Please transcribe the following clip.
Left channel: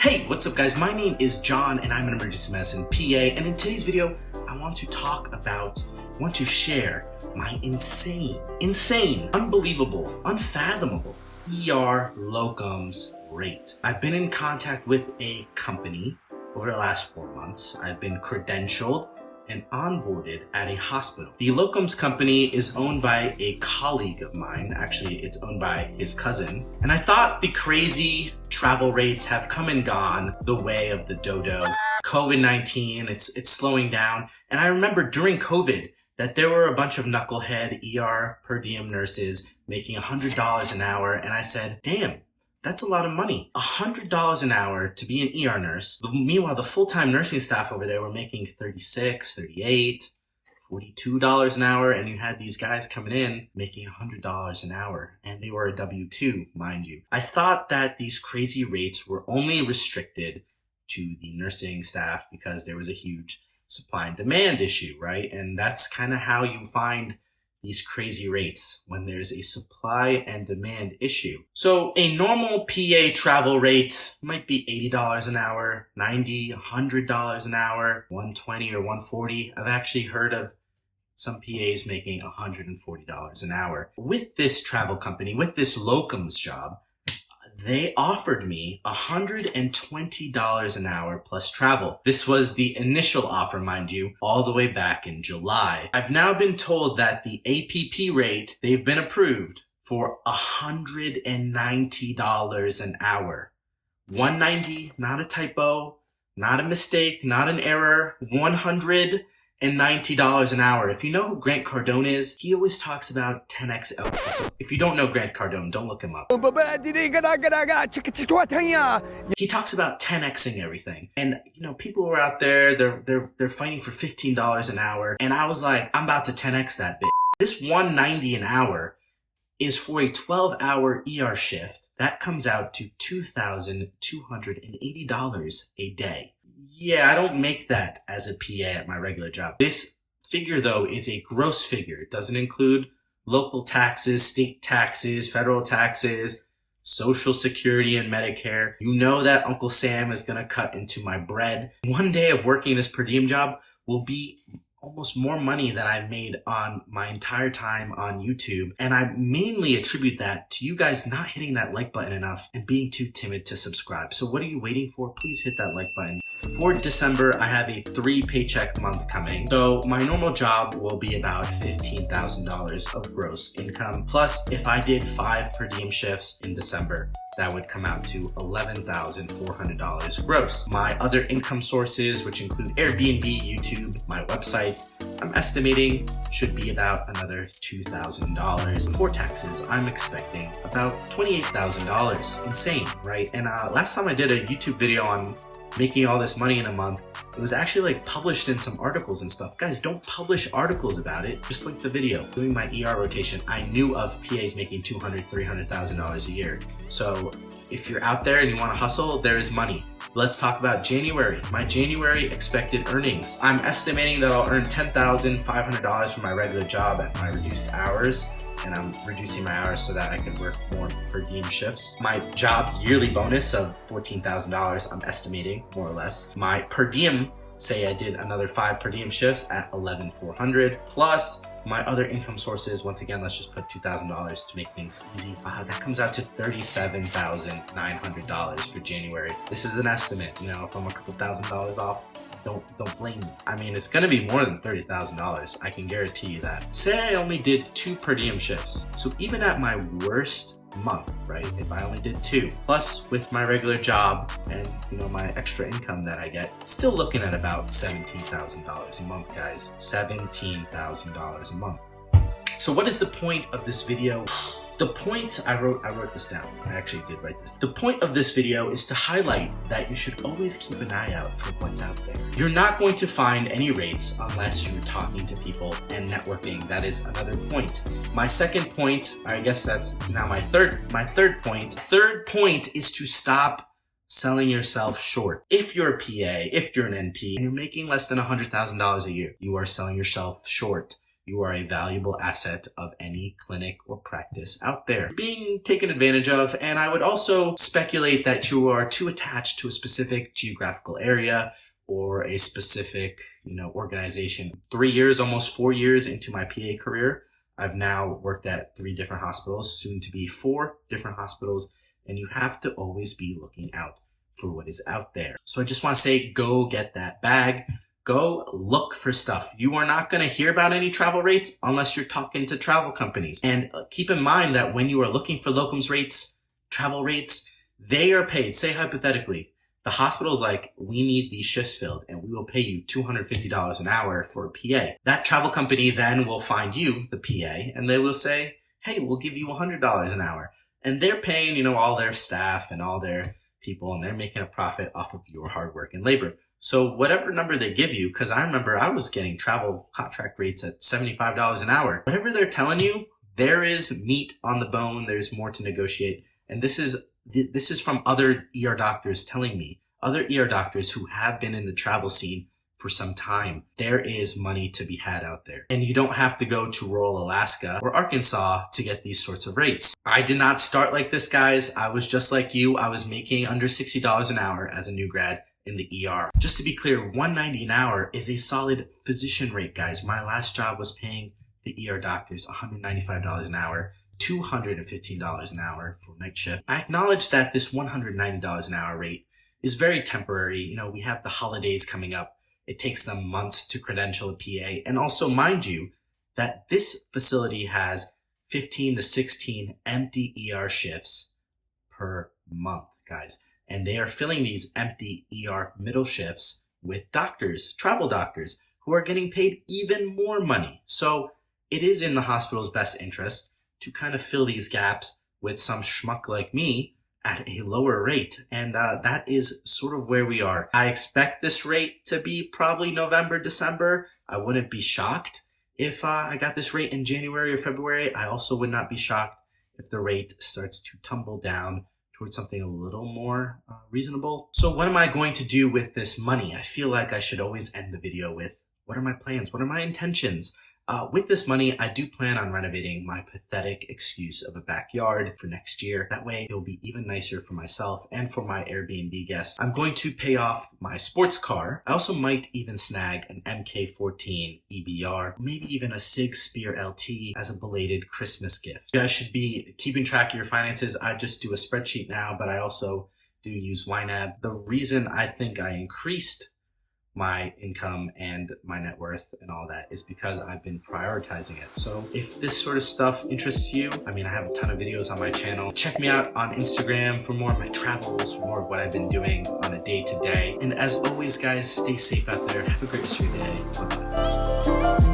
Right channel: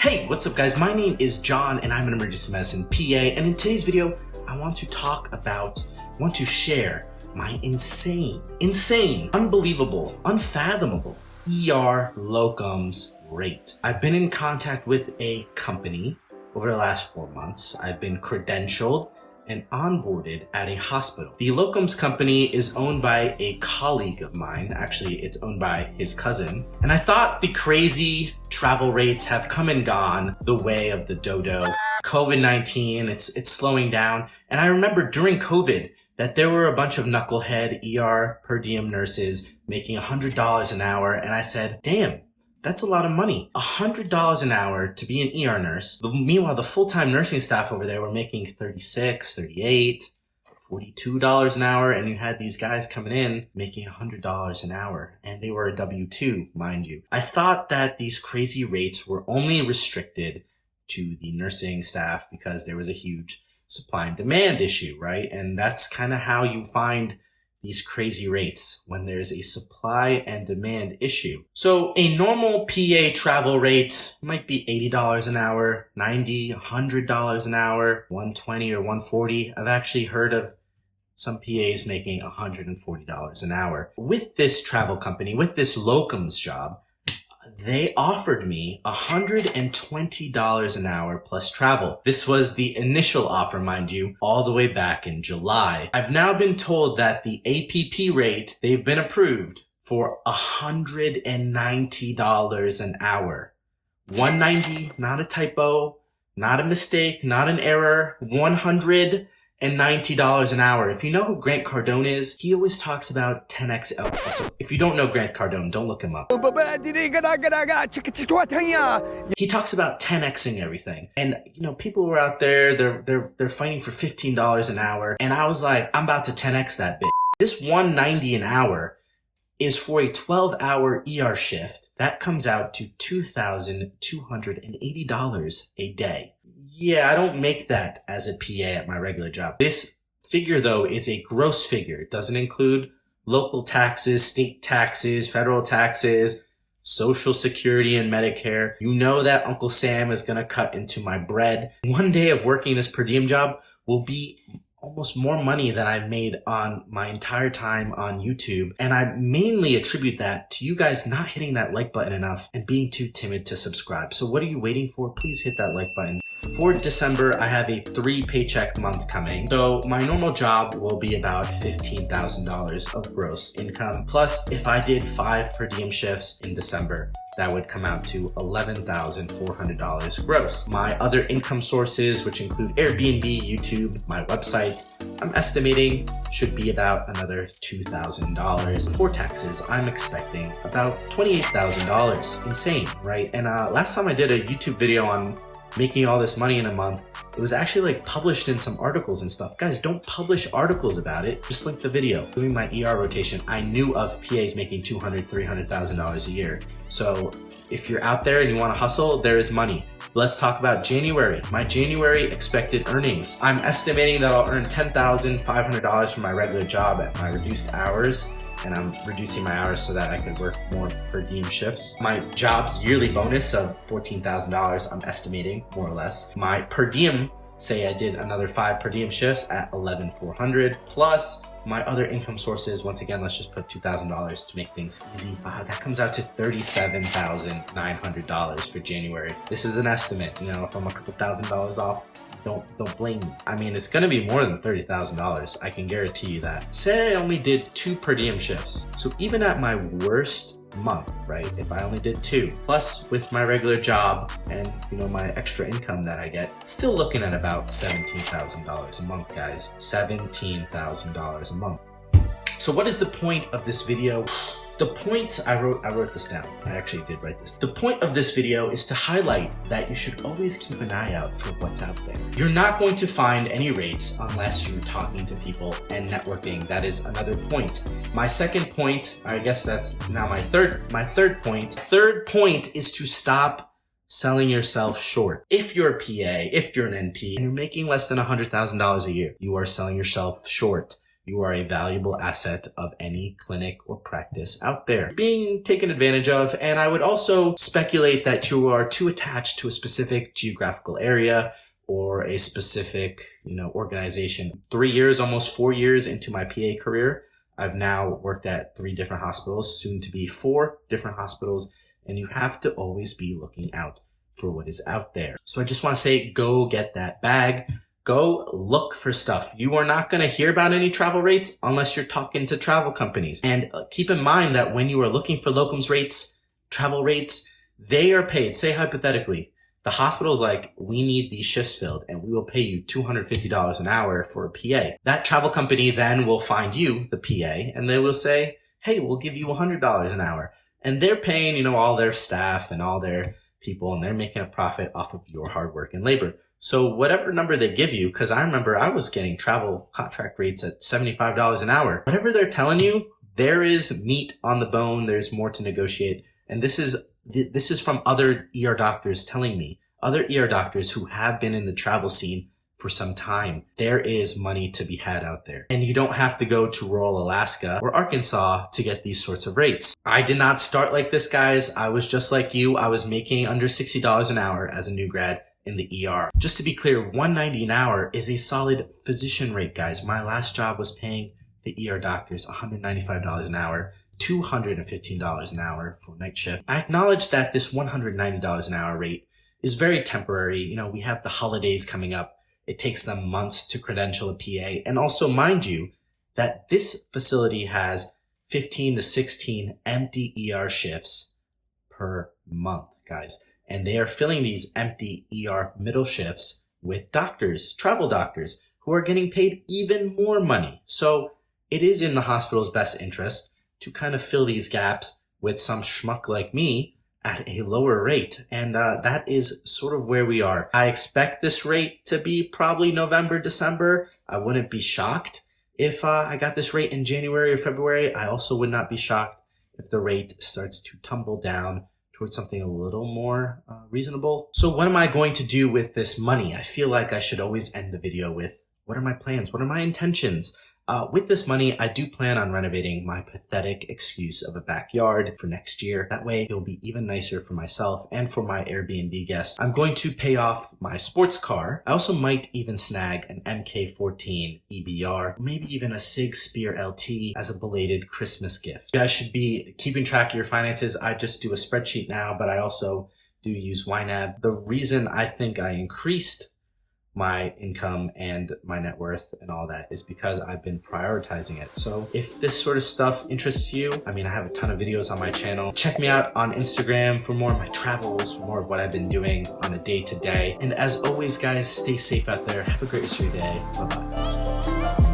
Hey, what's up guys? My name is John and I'm an emergency medicine PA, and in today's video, I want to share my insane, unbelievable, unfathomable ER locums rate. I've been in contact with a company over the last 4 months. I've been credentialed and onboarded at a hospital. The locums company is owned by a colleague of mine. Actually, it's owned by his cousin. And I thought the crazy travel rates have come and gone the way of the dodo. COVID-19, it's slowing down. And I remember during COVID that there were a bunch of knucklehead ER per diem nurses making $100 an hour. And I said, damn, that's a lot of money. $100 an hour to be an ER nurse. Meanwhile, the full-time nursing staff over there were making $36, $38, $42 an hour. And you had these guys coming in making $100 an hour. And they were a W-2, mind you. I thought that these crazy rates were only restricted to the nursing staff because there was a huge supply and demand issue, right? And that's kind of how you find these crazy rates when there's a supply and demand issue. So a normal PA travel rate might be $80 an hour, $90, $100 an hour, $120 or $140. I've actually heard of some PAs making $140 an hour. With this travel company, with this locums job, they offered me $120 an hour plus travel. This was the initial offer, mind you, all the way back in July. I've now been told that the APP rate, they've been approved for $190 an hour. 190, not a typo, not a mistake, not an error, $190 an hour. If you know who Grant Cardone is, he always talks about 10x Elkhoury. So if you don't know Grant Cardone, don't look him up. He talks about 10xing everything. And you know, people were out there, they're fighting for $15 an hour. And I was like, I'm about to 10x that bitch. This $190 an hour is for a 12-hour ER shift. That comes out to $2,280 a day. Yeah, I don't make that as a PA at my regular job. This figure, though, is a gross figure. It doesn't include local taxes, state taxes, federal taxes, Social Security and Medicare. You know that Uncle Sam is going to cut into my bread. One day of working this per diem job will be almost more money than I've made on my entire time on YouTube. And I mainly attribute that to you guys not hitting that like button enough and being too timid to subscribe. So what are you waiting for? Please hit that like button. For December, I have a 3 paycheck month coming. So my normal job will be about $15,000 of gross income. Plus, if I did 5 per diem shifts in December, that would come out to $11,400 gross. My other income sources, which include Airbnb, YouTube, my websites, I'm estimating should be about another $2,000. Before taxes, I'm expecting about $28,000. Insane, right? And last time I did a YouTube video on making all this money in a month, it was actually like published in some articles and stuff. Guys, don't publish articles about it. Just link the video. Doing my ER rotation, I knew of PAs making $200,000, $300,000 a year. So if you're out there and you want to hustle, there is money. Let's talk about January. My January expected earnings. I'm estimating that I'll earn $10,500 from my regular job at my reduced hours. And I'm reducing my hours so that I can work more per diem shifts. My job's yearly bonus of $14,000, I'm estimating, more or less. My per diem, say I did another 5 per diem shifts at $11,400, plus my other income sources. Once again, let's just put $2,000 to make things easy. That comes out to $37,900 for January. This is an estimate. You know, if I'm a couple $1,000s off, don't blame me. I mean, it's gonna be more than $30,000. I can guarantee you that. Say I only did 2 per diem shifts. So even at my worst month, right? If I only did 2, plus with my regular job and, you know, my extra income that I get, still looking at about $17,000 a month, guys. $17,000 a month. So what is the point of this video? The point, I wrote this down. I actually did write this. The point of this video is to highlight that you should always keep an eye out for what's out there. You're not going to find any rates unless you're talking to people and networking. That is another point. My second point, I guess that's now my third point. Third point is to stop selling yourself short. If you're a PA, if you're an NP, and you're making less than $100,000 a year, you are selling yourself short. You are a valuable asset of any clinic or practice out there being taken advantage of. And I would also speculate that you are too attached to a specific geographical area or a specific, organization. 3 years, almost 4 years into my PA career, I've now worked at 3 different hospitals, soon to be 4 different hospitals, and you have to always be looking out for what is out there. So I just want to say, go get that bag. Go look for stuff. You are not going to hear about any travel rates unless you're talking to travel companies. And keep in mind that when you are looking for locums rates, travel rates, they are paid. Say hypothetically, the hospital's like, we need these shifts filled and we will pay you $250 an hour for a PA. That travel company then will find you, the PA, and they will say, hey, we'll give you $100 an hour. And they're paying, all their staff and all their people, and they're making a profit off of your hard work and labor. So whatever number they give you, because I remember I was getting travel contract rates at $75 an hour. Whatever they're telling you, there is meat on the bone. There's more to negotiate. And this is from other ER doctors telling me, other ER doctors who have been in the travel scene for some time. There is money to be had out there. And you don't have to go to rural Alaska or Arkansas to get these sorts of rates. I did not start like this, guys. I was just like you. I was making under $60 an hour as a new grad in the ER. Just to be clear, $190 an hour is a solid physician rate, guys. My last job was paying the ER doctors $195 an hour, $215 an hour for night shift. I acknowledge that this $190 an hour rate is very temporary. We have the holidays coming up. It takes them months to credential a PA. And also, mind you, that this facility has 15 to 16 empty ER shifts per month, guys. And they are filling these empty ER middle shifts with doctors, travel doctors, who are getting paid even more money. So it is in the hospital's best interest to kind of fill these gaps with some schmuck like me at a lower rate. And that is sort of where we are. I expect this rate to be probably November, December. I wouldn't be shocked if I got this rate in January or February. I also would not be shocked if the rate starts to tumble down towards something a little more reasonable. So what am I going to do with this money? I feel like I should always end the video with, what are my plans? What are my intentions? With this money, I do plan on renovating my pathetic excuse of a backyard for next year. That way, it'll be even nicer for myself and for my Airbnb guests. I'm going to pay off my sports car. I also might even snag an MK14 EBR, maybe even a Sig Spear LT as a belated Christmas gift. You guys should be keeping track of your finances. I just do a spreadsheet now, but I also do use YNAB. The reason I think I increased my income and my net worth and all that is because I've been prioritizing it. So if this sort of stuff interests you, I have a ton of videos on my channel. Check me out on Instagram for more of my travels, for more of what I've been doing on a day-to-day. And as always, guys, stay safe out there. Have a great rest of your day. Bye-bye.